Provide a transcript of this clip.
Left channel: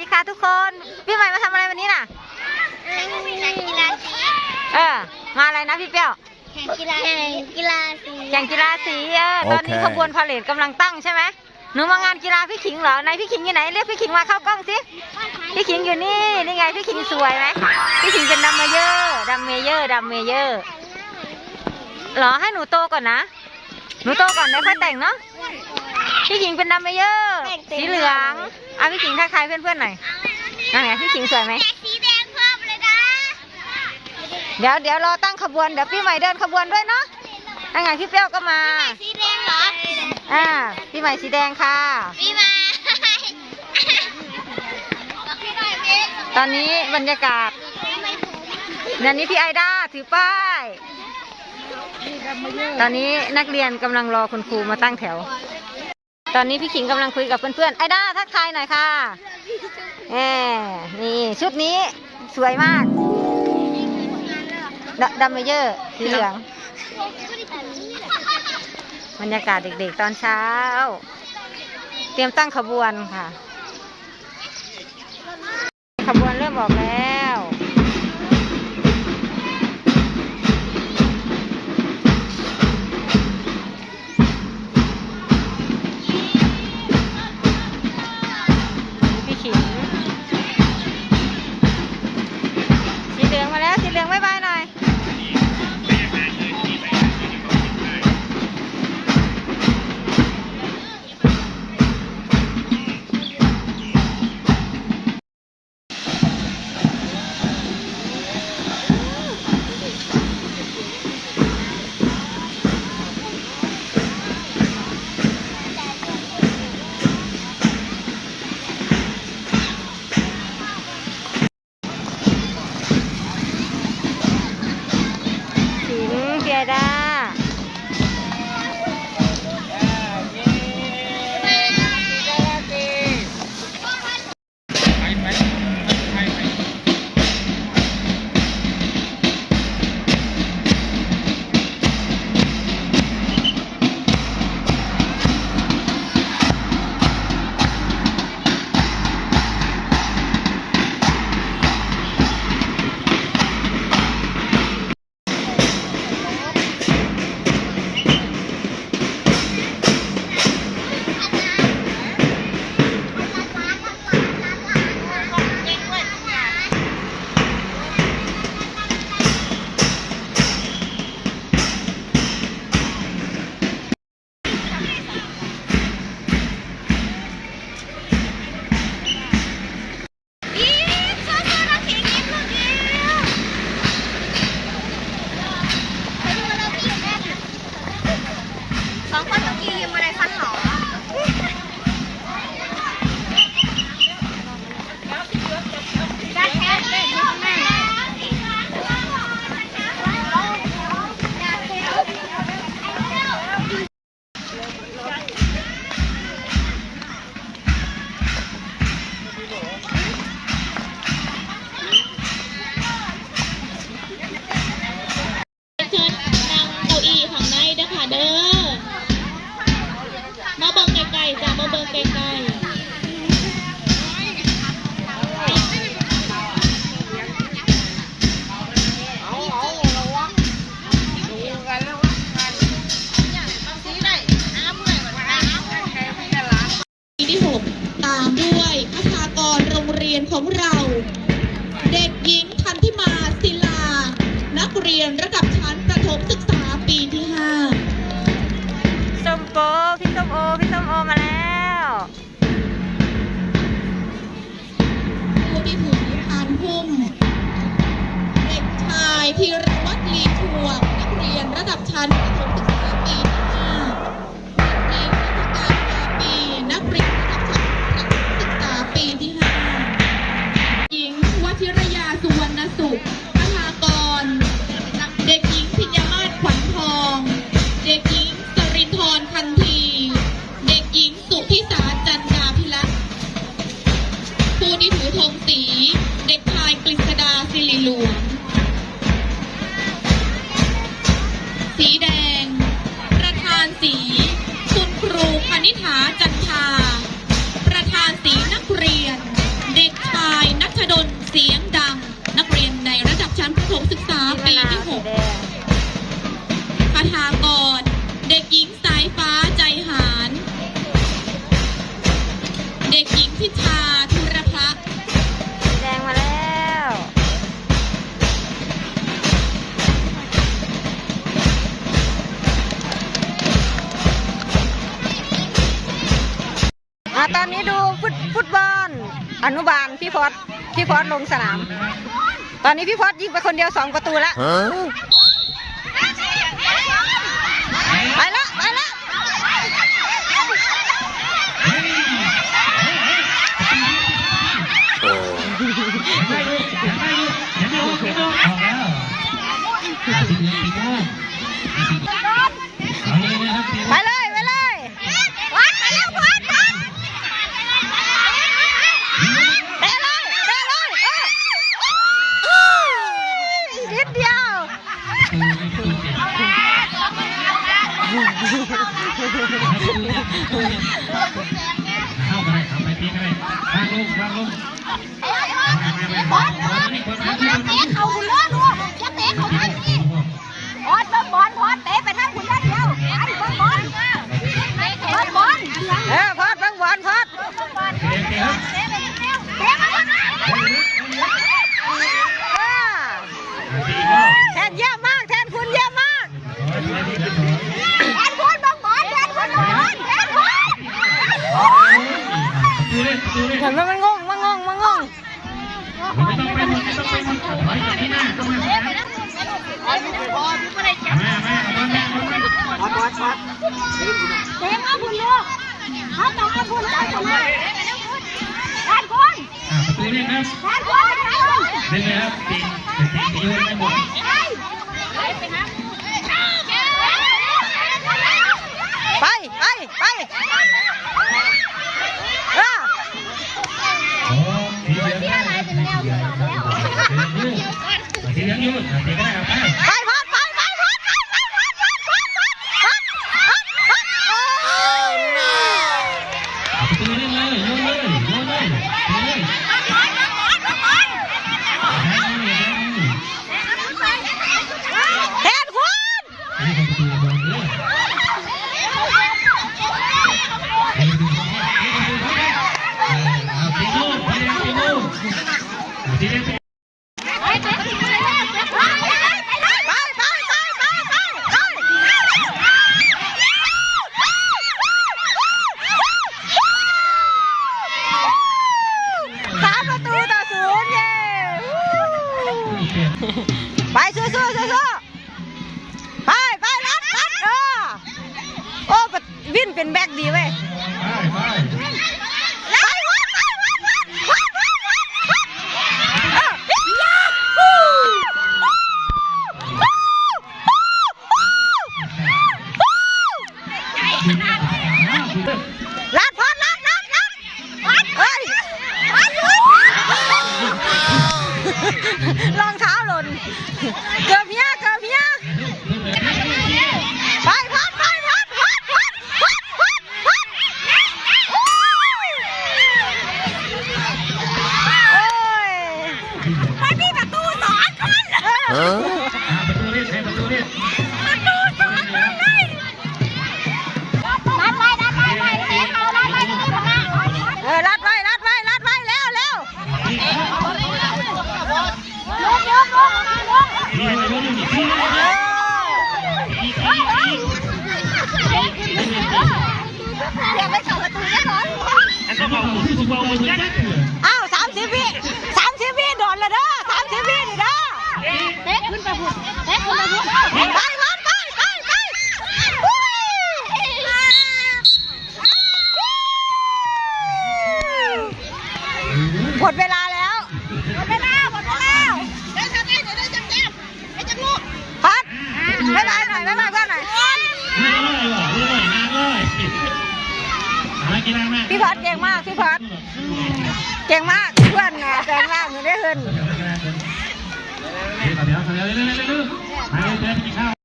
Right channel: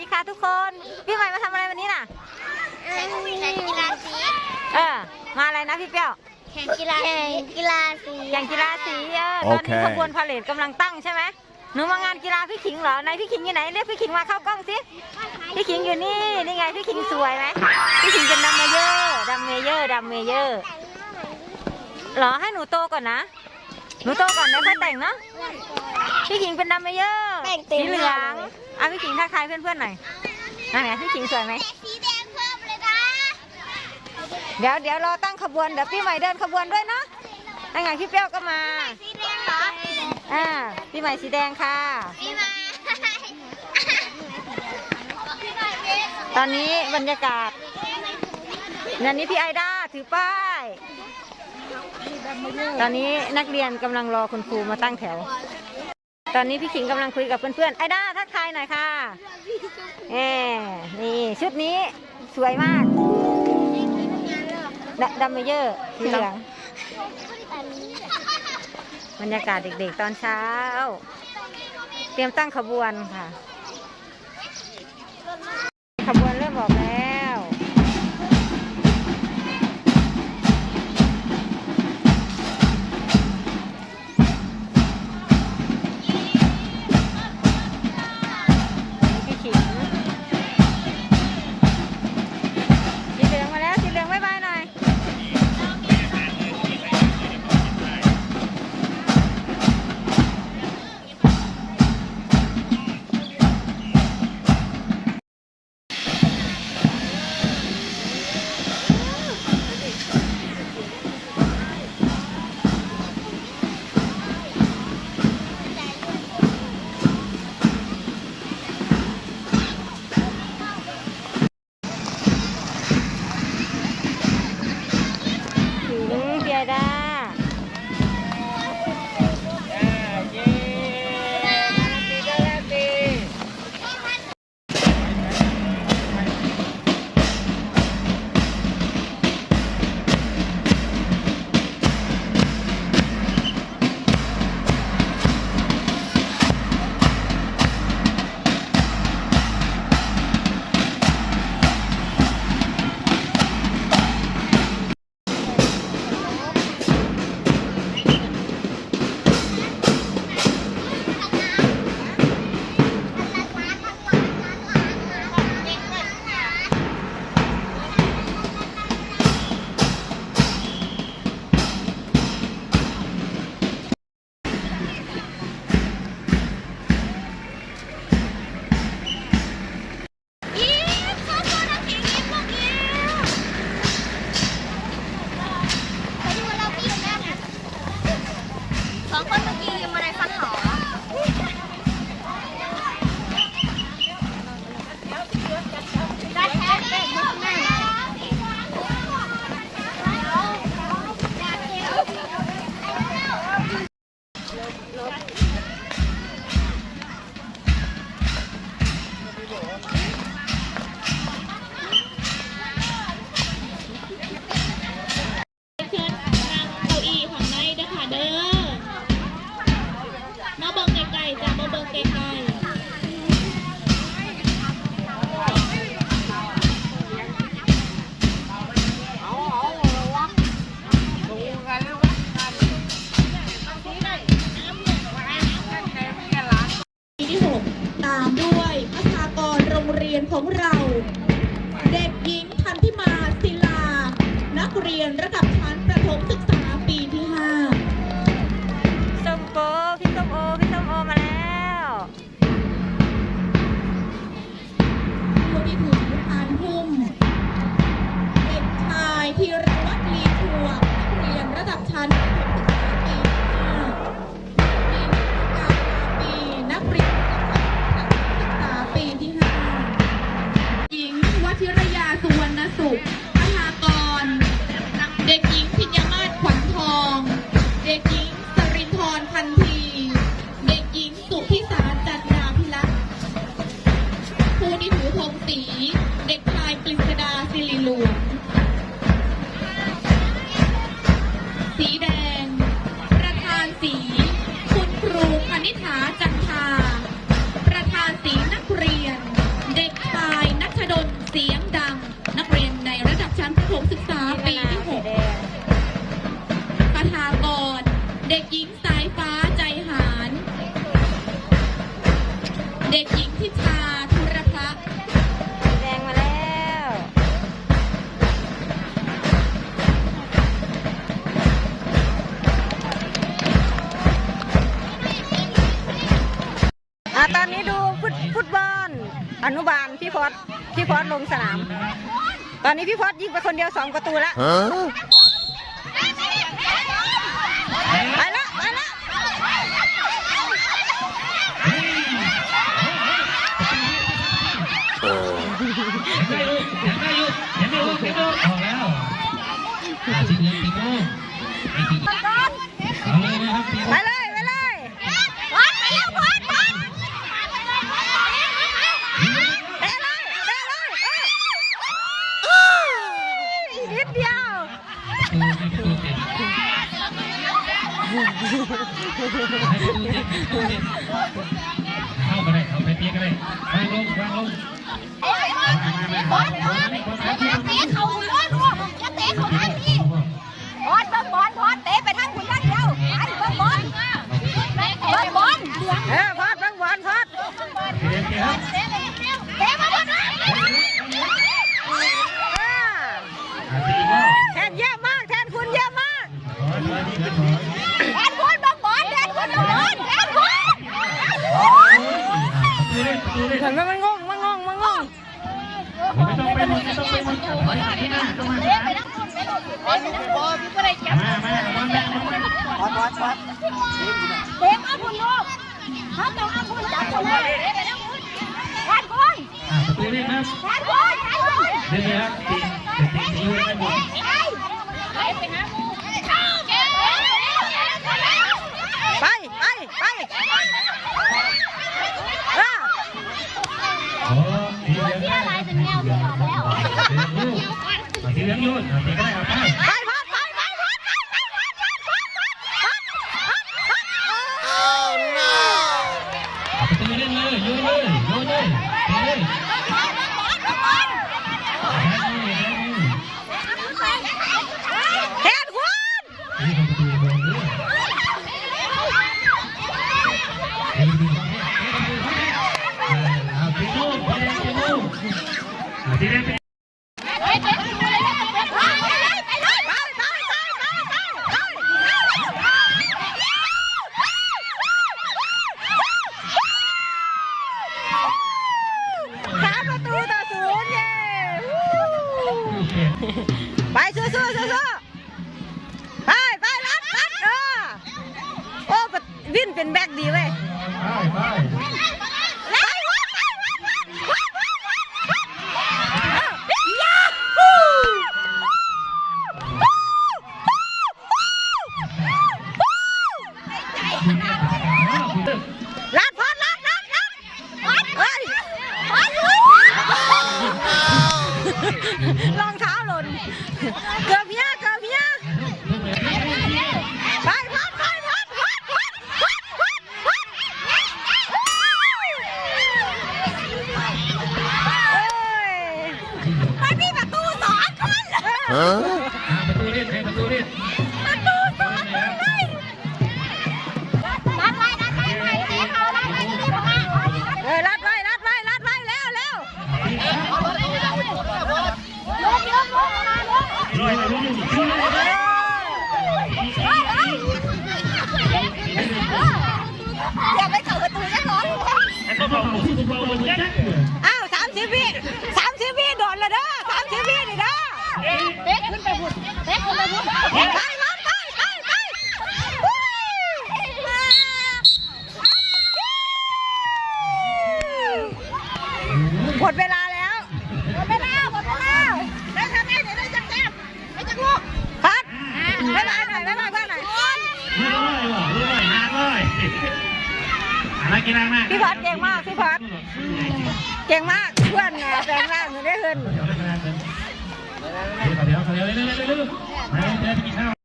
ดีค่ะทุกคน พี่ใหม่มาทำอะไรวันนี้น่ะแข่งกีฬาสีเออ มาอะไรนะพี่เปี้ยวแข่งกีฬาแข่งกีฬาสีแข่งกีฬาสีเออตอนนี้โอเคขบวนพาเหรดกำลังตั้งใช่ไหมหนูมางานกีฬาพี่ขิงเหรอไหนพี่ขิงอยู่ไหนเรียกพี่ขิงมาเข้ากล้องสิพี่ขิงอยู่นี่นี่ไงพี่ขิงสวยไหมพี่ขิงเป็นดัมเมเยอร์ดัมเมเยอร์ดัมเมเยอร์เหรอให้หนูโตก่อนนะ หนูโตก่อนแล้วค่อยแต่งเนาะ พี่ขิงเป็นดัมเมเยอร์สีเหลืองอะพี่ขิงทักทายเพื่อนๆหน่อยนั่นไงพี่ขิงสวยไหมสีแดงเพิ่มเลยนะ เดี๋ยวเดี๋ยวรอตั้งขบวนเดี๋ยวพี่ใหม่เดินขบวนด้วยเนาะนั่นไงพี่เปรี้ยวก็มาสีแดงเหรออ่าพี่ใหม่สีแดงค่ะมีมาบอกให้หน่อยเมฆตอนนี้บรรยากาศนันนี้พี่ไอด้าถือป้าย ตอนนี้นักเรียนกำลังรอคุณครูมาตั้งแถว ตอนนี้พี่ขิงกำลังคุยกับเพื่อนๆ ไอ้ด้าทักทายหน่อยค่ะแหมนี่ชุดนี้สวยมากดดัมเมเยอร์สีเหลือง บรรยากาศเด็กๆตอนเช้า เตรียมตั้งขบวนค่ะ ขบวนเริ่มออกแล้ว ง ของเรา ตอนนี้ดูฟุตฟุตบอลอนุบาลพี่พอดพี่พอดลงสนาม ตอนนี้พี่พอดยิงไปคนเดียวสองประตูแล้ว Huh? ไปละไปละ ไปเลยไปเลยเตะเลยเตะเลยเออนิดเดียว เข้าไปเลยเข้าไปตีกันเลยวางลงวางลงบอลบอลอย่าเตะเขาคุณเลิศอย่าเตะเขาทางนี้บอลบอลบอลบอลเตะไปทางคุณนัดเดียวอันบอลบอลบอลบอลเออพอดเบังบอลพอด เห็นไหมมันงงมันงงมันงงมันจะต้องไปหมองไปหมดถอยจากที่หน้าเขามาเข้ามาเตะมาคุณลูกเขาต้องอาคุณเอานะแอนบอลตูเล่นครับแอนบอลแอนบอลเล่นเลยครับตีตีตีให้หมด ไปไปไปเออ โอ้ตีเยอะได้ครับตีเยอะ ตีเยอะยูตีเยอะยูตีก็ได้เอาไปไปพอดไปไปพอดไปไปพอดพอดพอดพอดพอดพอดพอดโอ้ Oh no! เอาไปตีเล่นเลยโยนเลยโยนเลยตีเลยแทนคนตีบอลเลย ไปสู้สู้สู้สู้ไปไปรัดรัดเออโอ้ปะวินเป็นแบกดีเว้ยไปไปไปวัดไปวัดวัดวัดวัดวัดวัดเออยาฮูลั เออ Huh? ประตูเล่นประตูเล่นประตูส เตะขึ้นไปพุ่นไปไปไปไปไปหมดเวลาแล้วหมดเวลาหมดเวลาได้ทำได้เดี๋ยวได้จับแก้มไม่จับลูกพัดบ๊ายบายหน่อยบ๊ายบายเพื่อนหน่อยลอยลอยนางลอยอะไรกินนางมากพี่พัดเก่งมากพี่พัดเก่งมากเพื่อนนะแฟนมากหนูได้เงิน เดี๋ยวเดี๋ยวเดี๋ยวเร็วเร็วเร็วไปเดินไปกินข้าว